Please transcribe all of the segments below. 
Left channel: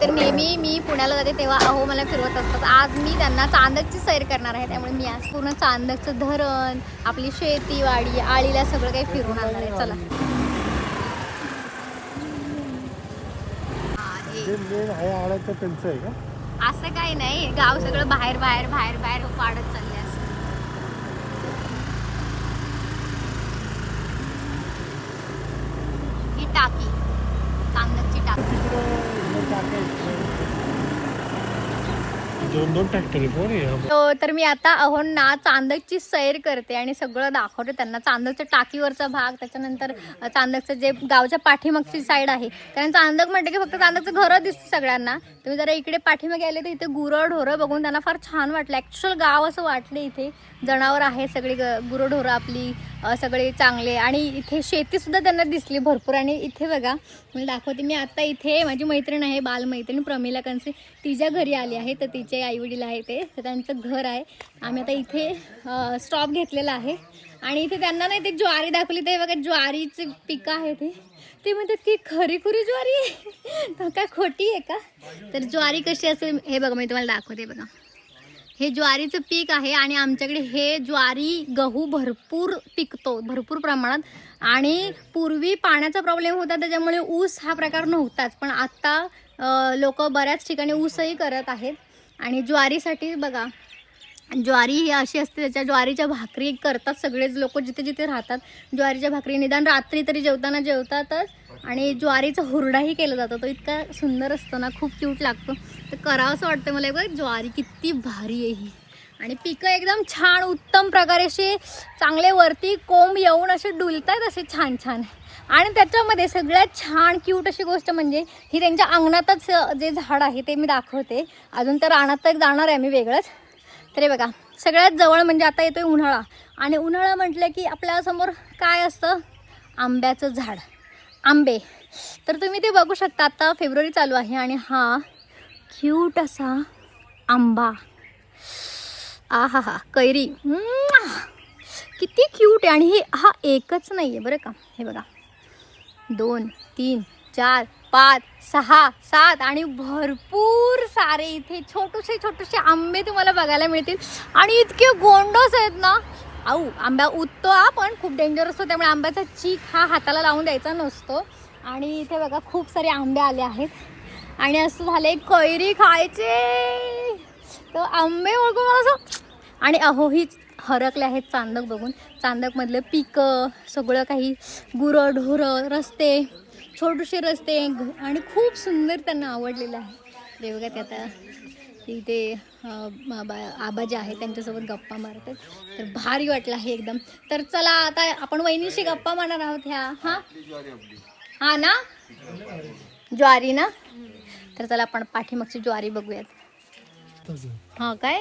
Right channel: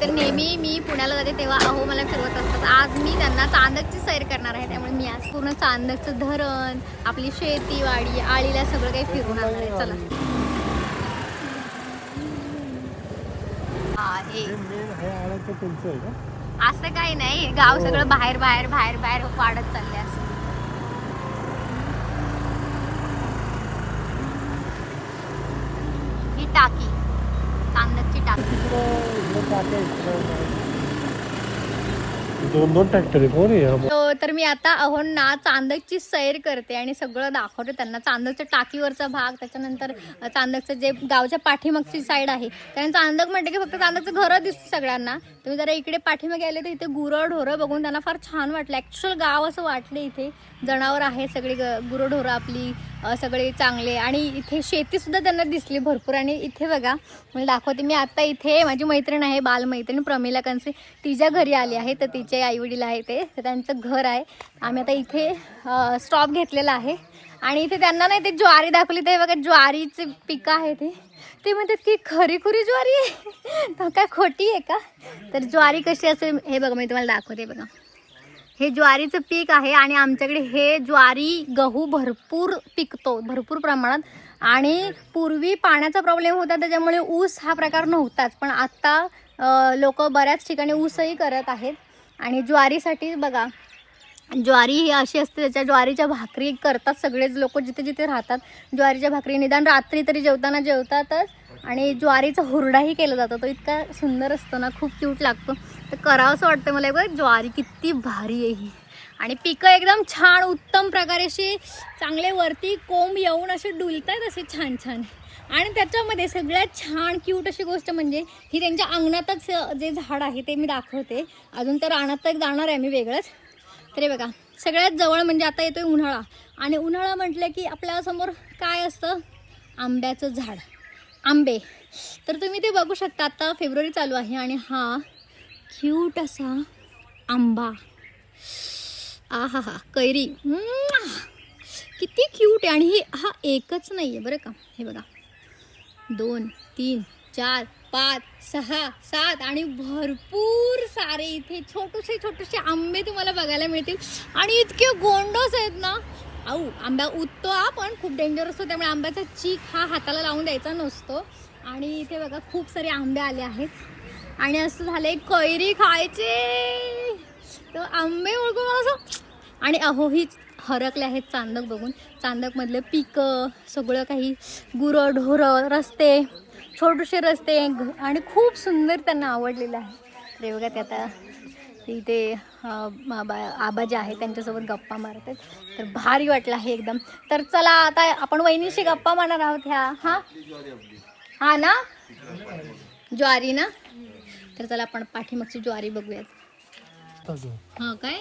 तर नेहमी मी पुण्याला जाते तेव्हा अहो मला फिरवत असतात. आज मी त्यांना चांदकची सैर करणार आहे, त्यामुळे मी आज पूर्ण चांदकचं धरण, आपली शेती वाडी, आळीला सगळं काही फिरून आणणार आहे. चला. असं काही नाही, गाव सगळं बाहेर बाहेर बाहेर बाहेर वाढत चालले असं. ही टाकी, चांदकची टाकी. दोन ट्रॅक्टर. तर मी आता अहोंना चांदकची सैर करते आणि सगळं दाखवते त्यांना. चांदकच्या टाकीवरचा भाग, त्याच्यानंतर चांदकचं जे गावच्या पाठीमागची साईड आहे, कारण चांदक म्हटलं की फक्त चांदकचं घरं दिसतं सगळ्यांना. तुम्ही जरा इकडे पाठीमागे आले तर इथे गुरं ढोरं बघून त्यांना फार छान वाटलं. ॲक्च्युअल गाव असं वाटलं. इथे जनावर आहे सगळी, गुरं ढोरं आपली सगळे चांगले, आणि इथे शेतीसुद्धा त्यांना दिसली भरपूर. आणि इथे बघा मला दाखवते मी आता. इथे माझी मैत्रीण आहे, बालमैत्रीण प्रमिला कंसे, तिच्या घरी आली आहे. तर तिचे आईवडील आहे ते, तर त्यांचं घर आहे. आम्ही आता इथे स्टॉप घेतलेला आहे आणि इथे त्यांना नाही ते ज्वारी दाखवली. ते बघा ज्वारीचे पिकं आहे ते म्हणतात की खरी खुरी ज्वारी आहे तर काय खोटी आहे का. तर ज्वारी कशी असेल हे बघा मी तुम्हाला दाखवते. बघा हे ज्वारीचं पीक आहे आणि आमच्याकडे हे ज्वारी गहू भरपूर पिकतो, भरपूर प्रमाणात. आणि पूर्वी पाण्याचा प्रॉब्लेम होता त्याच्यामुळे ऊस हा प्रकार नव्हताच, पण आत्ता लोक बऱ्याच ठिकाणी ऊसही करत आहेत. आणि ज्वारीसाठी बघा, ज्वारी ही अशी असते, त्याच्या ज्वारीच्या भाकरी करतात सगळेच लोक जिथे जिथे राहतात. ज्वारीच्या भाकरी निदान रात्री तरी जेवताना जेवतातच. आणि ज्वारीचा हुरडाही केला जातो, तो इतका सुंदर असतो ना, खूप क्यूट लागतो. तर करावं असं वाटतं मला. बघ ज्वारी किती भारी आहे ही. आणि पिकं एकदम छान उत्तम प्रकारे असे चांगले वरती कोंब येऊन असे डुलतात असे छान छान. आणि त्याच्यामध्ये सगळ्यात छान क्यूट अशी गोष्ट म्हणजे ही त्यांच्या अंगणातच जे झाड आहे ते मी दाखवते. अजून तर रानात तर जाणार आहे मी वेगळंच. तर हे बघा सगळ्यात जवळ म्हणजे आता येतोय उन्हाळा, आणि उन्हाळा म्हटलं की आपल्यासमोर काय असतं, आंब्याचं झाड, आंबे. तर तुम्ही ते बघू शकता. आता फेब्रुवारी चालू आहे आणि हा क्यूट असा आंबा, आहा हा कैरी, किती क्यूट आहे. आणि हा एकच नाही आहे बरं का. हे बघा 2 3 4 5 6 7 आणि भरपूर सारे इथे छोटेसे छोटेसे आंबे तुम्हाला बघायला मिळतील. आणि इतके गोंडस आहेत ना. आंबा उततो हा, पण खूप डेंजर असतो, त्यामुळे आंब्याचा चीक हा हाताला लावून द्यायचा नसतो. आणि इथे बघा खूप सारे आंबे आले आहेत आणि असं झालंय कैरी खायचे. तर आंबे बघून मला असं, आणि अहो ही हरकले आहेत चांदक बघून. चांदकमधलं पिकं सगळं काही, गुरं ढोरं, रस्ते, छोटेसे रस्ते, आणि खूप सुंदर त्यांना आवडलेलं आहे. ते बघा ते आता इथे आबा जे आहे त्यांच्यासोबत गप्पा मारतात. तर भारी वाटलं आहे एकदम. तर चला आता आपण वहिनीशी गप्पा मारणार आहोत ह्या. हा ना, ज्वारी ना. तर चला आपण पाठीमागची ज्वारी बघूयात. हा काय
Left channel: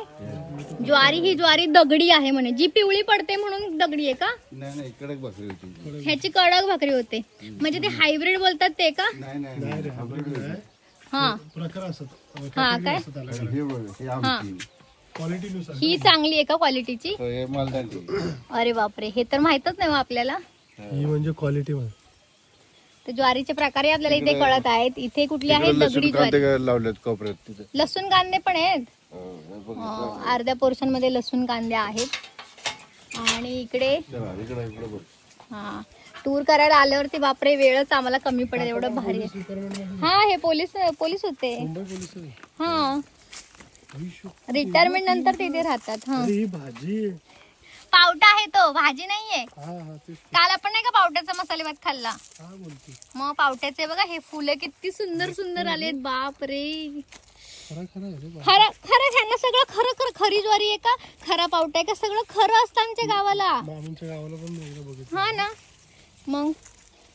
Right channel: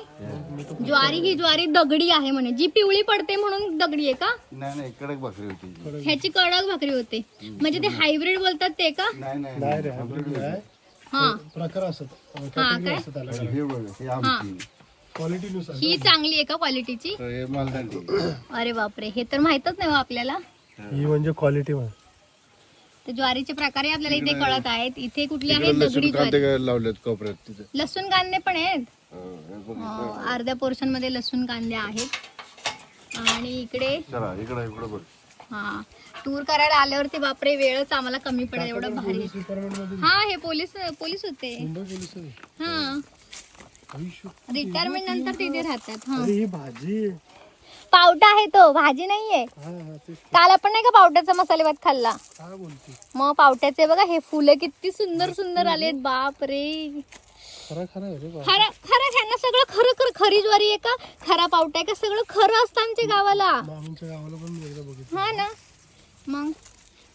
ज्वारी, ही ज्वारी दगडी आहे म्हणे, जी पिवळी पडते म्हणून दगडी आहे का. नाही कडक भाकरी होती, ह्याची कडक भाकरी होते. म्हणजे ते हायब्रिड बोलतात ते का. हा प्रकार असतात. हा काय, ही चांगली आहे का क्वालिटीची. अरे बापरे, हे तर माहितच नाही आपल्याला. ही म्हणजे क्वालिटी. तर ज्वारीचे प्रकारे आपल्याला इथे कळत आहेत. इथे कुठली आहे, दगडी ज्वारी. लावलेत कोपऱ्यात तिथे लसूण कांदे पण आहेत. अर्ध्या पोर्शन मध्ये लसूण कांदे आहेत. आणि इकडे हा टूर करायला आल्यावरती बापरे वेळच आम्हाला कमी पडेल, एवढं भारी. हा हे पोलीस होते. हा रिटायरमेंट नंतर तिथे राहतात. हा ही भाजी पावटा आहे तो, भाजी नाहीये. काल आपण नाही का पावट्याचा मसाले भात खाल्ला. मग पावट्याचे बघा हे फुलं किती सुंदर सुंदर आलेत. बाप रे, खरं ह्यांना सगळं खरं खरं खरी ज्वारी आहे का, खरा पावटा आहे का, सगळं खरं असतं आमच्या गावाला. हा ना. मग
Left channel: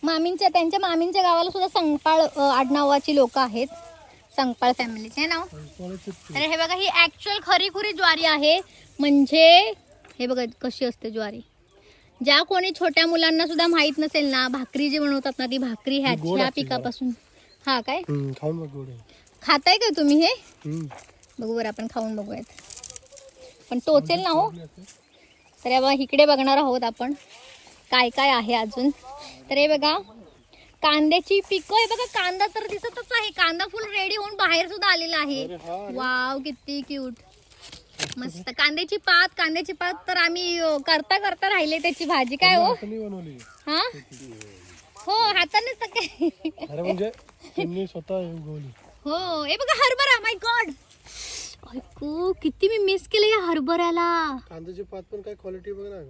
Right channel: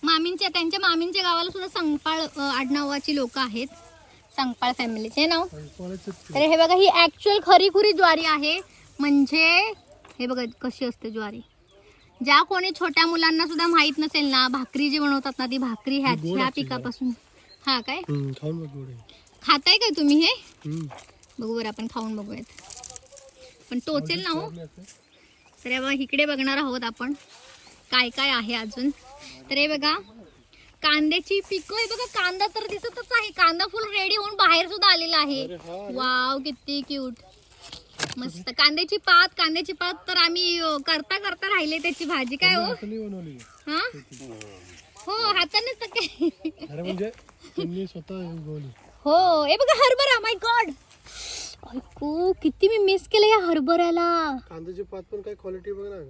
त्यांच्या मामींच्या गावाला सुद्धा संगपाळ आडनावाची लोक आहेत, संगपाळ फॅमिलीचे नाव. तर हे बघा ही ऍक्च्युअल खरी खुरी ज्वारी आहे. म्हणजे हे बघा कशी असते ज्वारी. ज्या कोणी छोट्या मुलांना सुद्धा माहित नसेल ना, भाकरी जे बनवतात ना, ती भाकरी ह्या पिकापासून. हा काय खाताय काय तुम्ही हे. बघू बरं आपण खाऊन बघूयात, पण टोचेल ना हो. तर इकडे बघणार आहोत आपण काय काय आहे अजून. तर हे बघा कांद्याची पिकं आहे बघा. कांदा तर दिसतच आहे. कांदा फुल रेडी होऊन बाहेर सुद्धा आलेला आहे. वाव किती क्यूट. मस्त. कांद्याची पात तर आम्ही करता करता राहिले त्याची भाजी. काय हो बनवली हा हो हातानेच तर काय. अरे म्हणजे त्यांनी स्वतः उगवली. हो हे बघा हरभरा. माय गॉड ऐकू किती मी मिस केलं या हरभऱ्याला. कांद्याची पात पण काय क्वालिटी बघ ना.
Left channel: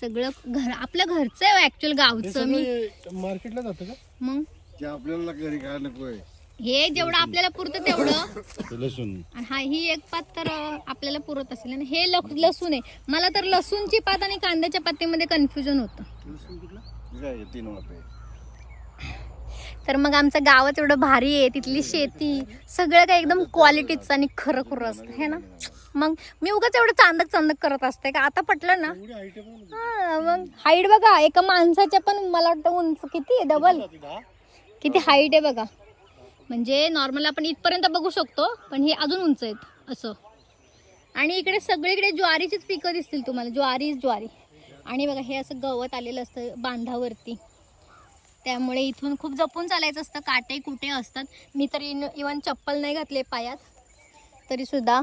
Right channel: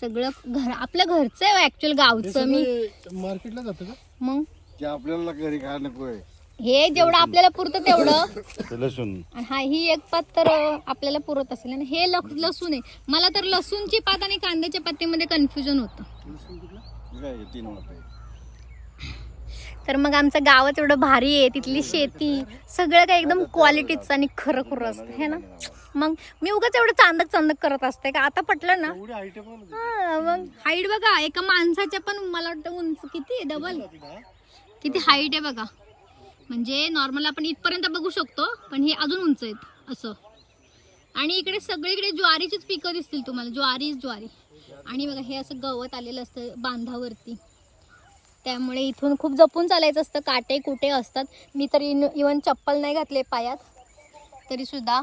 सगळं घर आपल्या घरचं आहे ऍक्च्युअल गावचं. मी मार्केटला जातं का मग ते आपल्याला घरी खायला नको आहे. हे जेवढं आपल्याला पुरतं तेवढं. ते लसूण आणि हा ही एक पात तर आपल्याला पुरत असेल. आणि हे लसूण आहे. मला तर लसूणची पात आणि कांद्याच्या पातीमध्ये कन्फ्युजन होतं. लसूण कुठला काय 3 वाटे. तर मग आमचं गावच एवढं भारी आहे. तिथली शेती सगळं काही एकदम क्वालिटीचं आणि खरं खरं असतं हे ना. मग मी उगाच एवढं चांदक करत असते का. आता पटलं ना. एवढी हाईट पण हा मग हाईट बघा एका माणसाच्या पण मला वाटतं उंच किती आहे डबल. किती हाईट आहे बघा. म्हणजे नॉर्मल आपण इथपर्यंत बघू शकतो पण हे अजून उंच आहेत असं. आणि इकडे सगळीकडे ज्वारीचीच पिकं दिसतील तुम्हाला. ज्वारी. आणि बघा हे असं गवत आलेलं असतं बांधावरती. त्यामुळे इथून खूप जपून चालायचं असतं. काटे कुटे असतात. मी तर इवन चप्पल नाही घातले पायात तरी सुद्धा.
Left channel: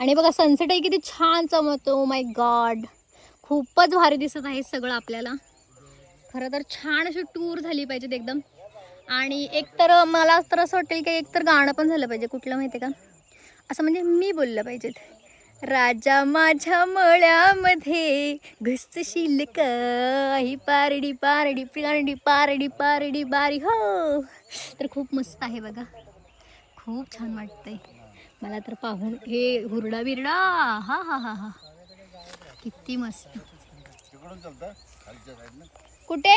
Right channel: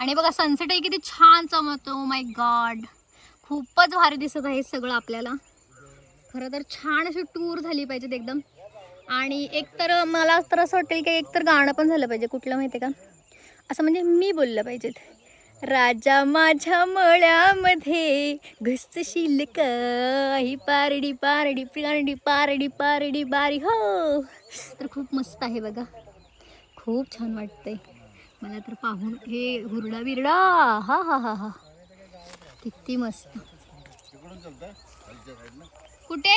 आणि बघा सनसेटही किती छान चमकतो. माय गॉड खूपच भारी दिसत आहे सगळं आपल्याला. खरं तर छान अशी टूर झाली पाहिजेत एकदम. आणि एक तर मला तर असं वाटेल की एक तर गाणं पण झालं पाहिजे. कुठलं माहिती आहे का. असं म्हणजे मी बोललं पाहिजेत. राजा माझ्या मळ्यामध्ये घुसशील काही पारडी पारडी पारडी पारडी पारडी बारी हो. तर खूप मस्त आहे बघा. खूप छान वाटतंय मला तर पाहून. हे हुरडा बिरडा हा हा हा हा किती मस्त. तिकडून चालतं खालच्या साईडनं. कुठे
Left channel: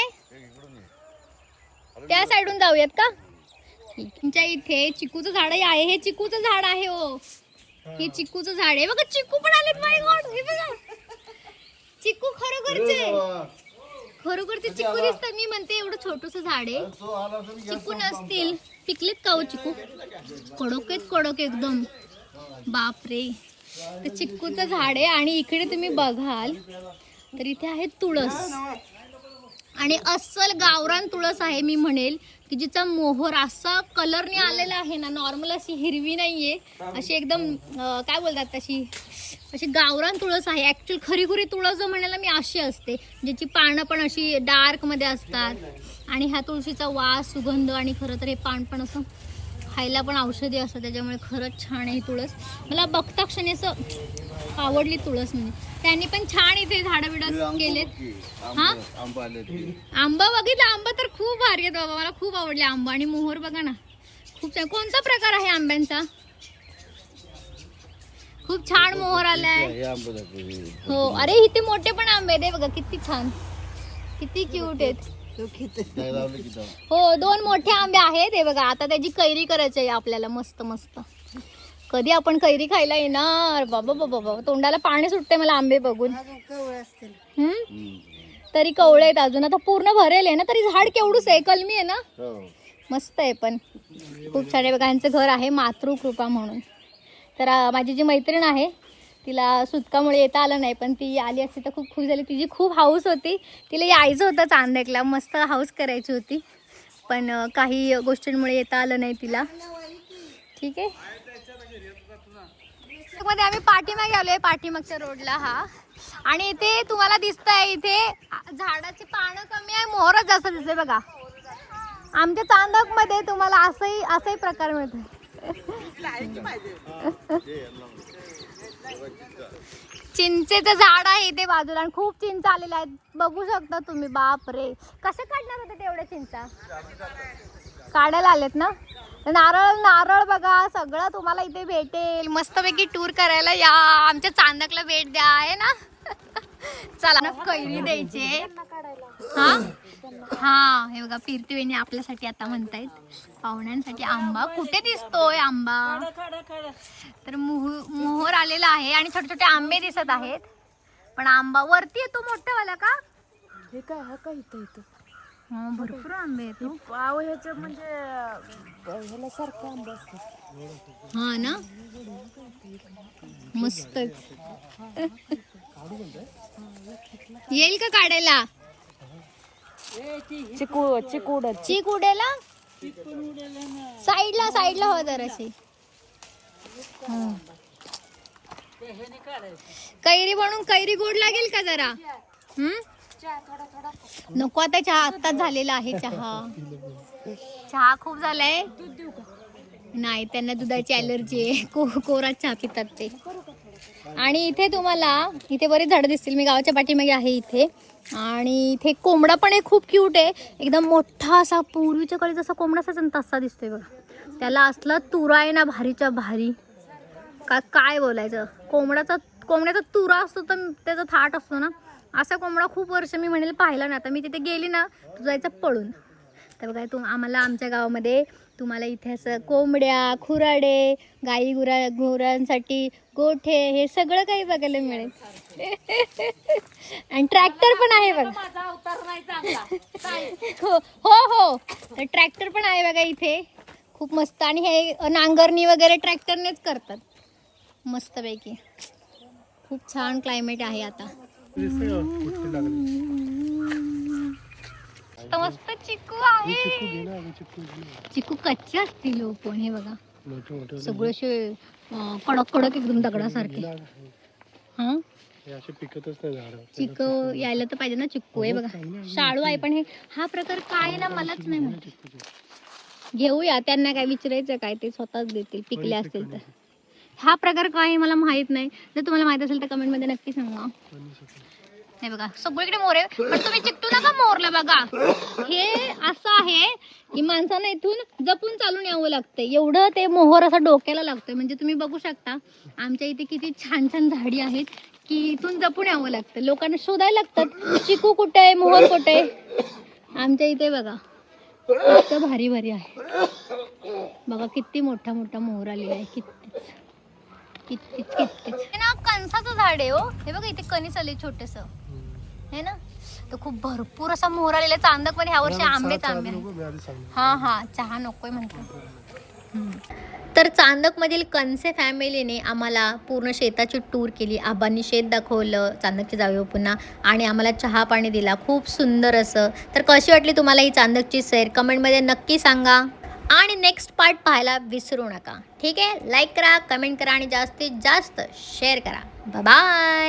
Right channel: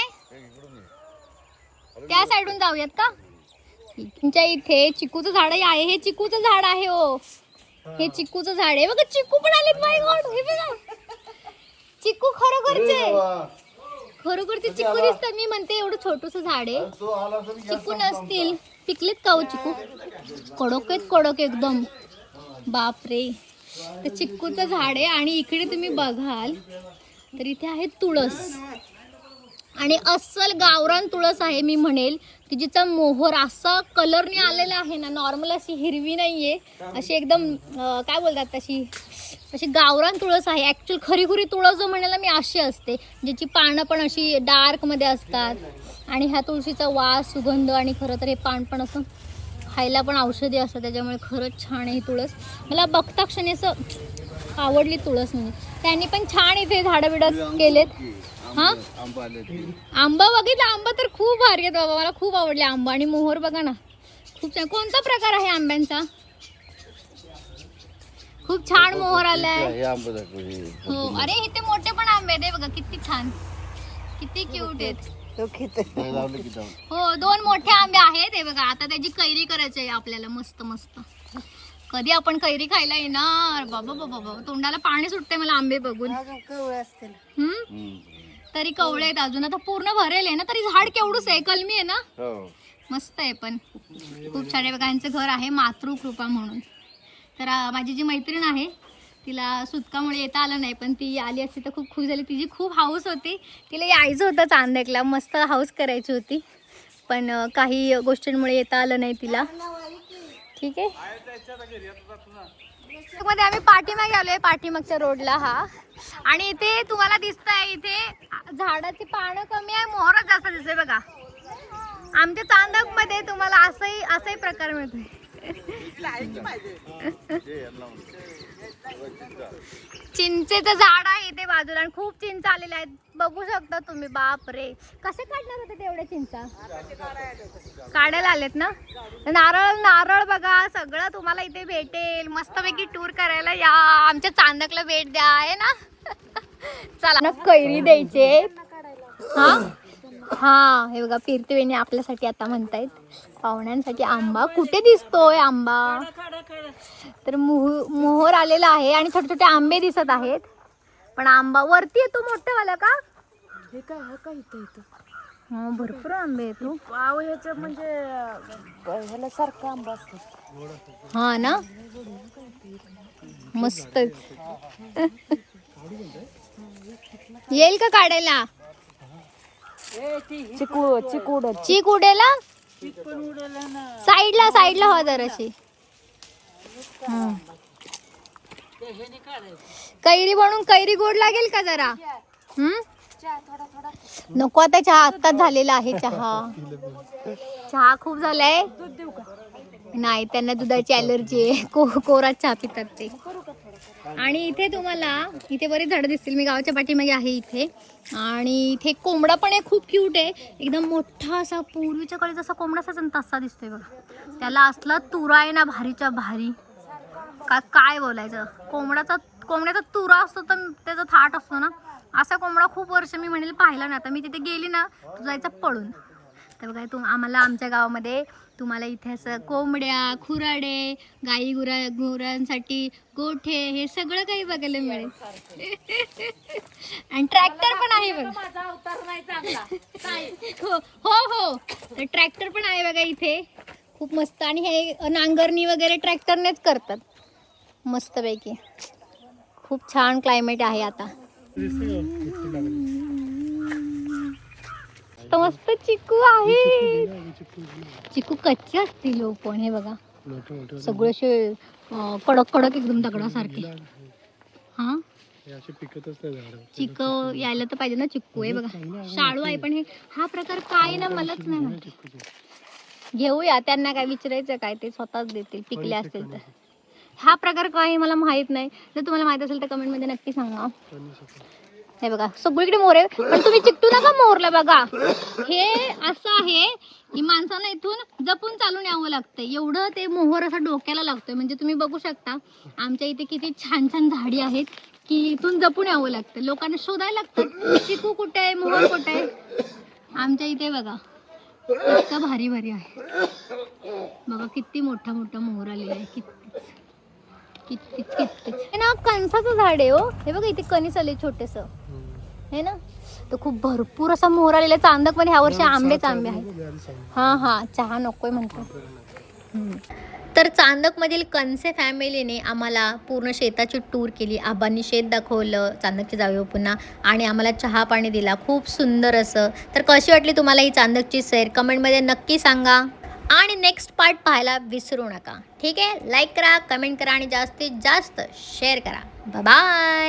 त्या साईडून जाऊयात का. तुमच्या इथे चिकूचं झाडही आहे. हे चिकूचं झाड आहे हो. हे चिकूचं झाड आहे बघा. चिकू पण आलेत. माय गॉड हे बघा चिकू खरोखरचे चिकू दिसतात. मी म्हणते एवढं छोटूसं झाड आहे. चिकू नसतील. पिकलेत का हो चिकू. कडक एकदम. बापरे. तर चिकूचं झाड आहे. आणि इकडे तुम्ही बघाल तर इथे आहे तुळस. आणि अस्सल गावरान तुळस आहे मी म्हणेल की जिचा मोहर असा कलरने आलेला आहे ना. नॉर्मल अशी हिरवी नाहीये. अशी एकदम काय बोलतात अशी गावरान तुळस आहे. ॲक्च्युअल खरी तुळस जो म्हणायला मी अशी असते ज्याची पानं पण अशी डार्कमध्ये असतात. आणि ह्या तुळशीचा वास सुगंध आणि खरं तर हे पान पण असं खायला पण औषधी असतं. त्याच्यामुळे खरंच छान आहे ही तुळस. मला बघता क्षणी असं आवडली तुळस. म्हणजे त्यांनी पण छान इथे झाडं बिडं केलेत. हा आंबा बघितला. आंबा तर खूप भारी आहेत बाबा. मला खूप आवडले आंबा. आणि मोहर बघा ना खूप छान. कोणता प्रकार आहे आंब्यांचा. खूप छान मोहर आलाय हो. अरे इथे मोठे पण आंबे आहेत बघा. किती छान किती क्यूट आहेत. हो 2 मोठे आंबे आहेत हे बघा. आता त्याची कैरी करायची आहे आपल्याला मस्त मस्त. कधी आपण कैरी खायला येणार बाबा बाबा. तोंडाला पाणी सुटते मला आंबे बघून. तरी कवळे आहेत अजून. आता पूर्ण भरेल आहे ना. तरी झाड केवढूच आहे. कलमी आहे ना. मस्त आहे पण खूप छान आहे बघा. यांचं घर आहे मातृकृपा म्हणून. तर माझी जी मैत्रीण आहे तिला सुतकामुळे येता आलं नाही. पण ती आली असती तर खूप खुश झाली. तिची खूप हाऊस होती. तिला यायचं होतं चांदकला. मस्त हाऊस करायची होती. पण काही गोष्टींमुळे येता आलं नाही तिला. ठीक आहे. मध्ये आम्ही पाठीमागे आलोय. पाठीमागच्या रोडला हा. आणि इथे तुम्हाला दिसतंय इथे झाडाची पानं कमी आहे. मोहरच जास्त दिसते बघा. आमच्या चांदक मध्ये तुम्हाला असंही प्रकार मिळतोय. चिंचेचं झाड आहे इथे बाजूला. आणि खूप चिंच आलेल्या आहेत बघू शकता तुम्ही. बाप रे कसे काढणार होते तेवढ्या चिंचा. काढायला आलेत ना. नारळ बघा सगळं तुम्हाला इथे भेटेल. मस्तपैकी टूर करायला या. आमच्या चांदकला भेट द्या आहे ना. चला ना कैरी द्यायचे. हा हे बघा फिरते वेणी आपल्यासाठी आता म्हणतायत. पाहुण्यांसाठी आंबा कुठे दिसतोय आंबा. तर मोहर आलेला आहे. आणि छोटे छोटे आंबे दिसत आहेत. पण आंबा वरती येतो मोठावाला का. हे काय हा काय इथं हो भरपूर आंबे आहेत. पाव ह्याच्या म्हणजे ह्याला सारखा आंबा असतो. हा ना मस्तच. येईल का काढायला. चिकू चिकूड चीक उडेला साईडला हो जराशी. कैरी बनवून कैरी गोड लागेल का जरा? नको आता, चहा आत्ताच झालेला आहे. चहा खूप झालाय. नाही, त्यांना दुधाची ॲलर्जी आहे, कोरा चहा पितात ते. आणि इथे तुम्हाला इथे बरीच झाडं दिसतील. मी गावाच्या पाठीमागे आहे इथे. आणि इथे कोंबडा पण आहे, खूप क्यूट आहे. एकदम मोठा असा पूर्वीच्या काळी जसा कोंबडा असायचा ना तसा दिसतोय बघा. त्याला असला तुरा आहे ना भारीच्या भारी, काय बोलायचं. कोंबड्याचा तुरा असतो तर त्याचा थाट असतो ना, असा कोंबडा खूप वर्ष मी म्हणेल पाहिला ना. आता मी तिथे गेली ना तू जायचं पळून. तर बघा आम्हाला आमच्या गावामध्ये तुम्हाला इथे असं कोंबड्या, खुराडे, गाई गुरांसाठी गोठे, हे सगळं काही बघायला मिळेल. आणि ट्रॅक्टर पण आहे बघा. हो तर ट्रॅक्टर पण आहे बघा इथे, खूप मस्त. आणि हे नांगरणी वगैरे ट्रॅक्टरनेच करतात मस्तपैकी. खूप छान क्लायमेट आहे आता. मस्त चिकू आहे. चिकू कच्चे असतील हो, पण हे बघा सगळे असे कडक कडक एकदम दगडासारखे. हा पिकतच नाही झाड. चिकू यायला तर पाहिजे ना. चिक्कू आहे बघा, शाळू आहे. पण हे हा प्रकार काय ना मलाच नाही माहिती. घेऊया, त्यांना काय विचारायचं काय, ते स्वतःच देतील पिकले असतील तर. हा प्रकार काय मला माहित नाही. जर तुम्हाला माहित असेल तर कमेंट मध्ये नक्की सांगा. हे बघा सगळीकडे मोर आहे, पण तुम्ही चिकटू नका मोरला. बघा हे असं आहे की माणसानं इथून जपून चालून यावं लागतंय. एवढं ते मोहर असा डोक्याला लागतोय. म्हणजे तुम्ही बघू शकता आमच्या इथे किती छान छान झाडी आहेत की इथून जपून यावं लागतं. लोकांना शोधायला लागतं चिकू कुठे आहे, मोहर कुठे आहे. आमच्या इथे बघा इतकं भारी भारी आहे. बघा किती मोठा मोठा मोहर आलेला आहे. कितकिच ना कणसाचं झाड आहे हो. हे बघा इथे कणीस आले छोटेस हे ना. तर खूप भरपूर असा मोहर आलेला. चांदक पण ह्या वर्षी आंबे चांगले आहेत. हा चहा नकोय म्हणतो. तर चांदकमधील कणसे फॅमिलीने आम्हाला पूर्ण शेताची टूर केली. आबांनी शेत दाखवलं चांदकची जावे पुन्हा, आणि आम्हाला चहा पाणी दिला खूप सुंदर असं. तर कशी वाटली तुम्हाला ही चांदकची सैर कमेंटमध्ये नक्की सांगा. आणि नेक्स्ट पार्ट पाहायला विसरू नका. ठीक आहे, लाईक करा, कमेंट करा आणि जास्तीत जास्त शेअर करा. Bye bye.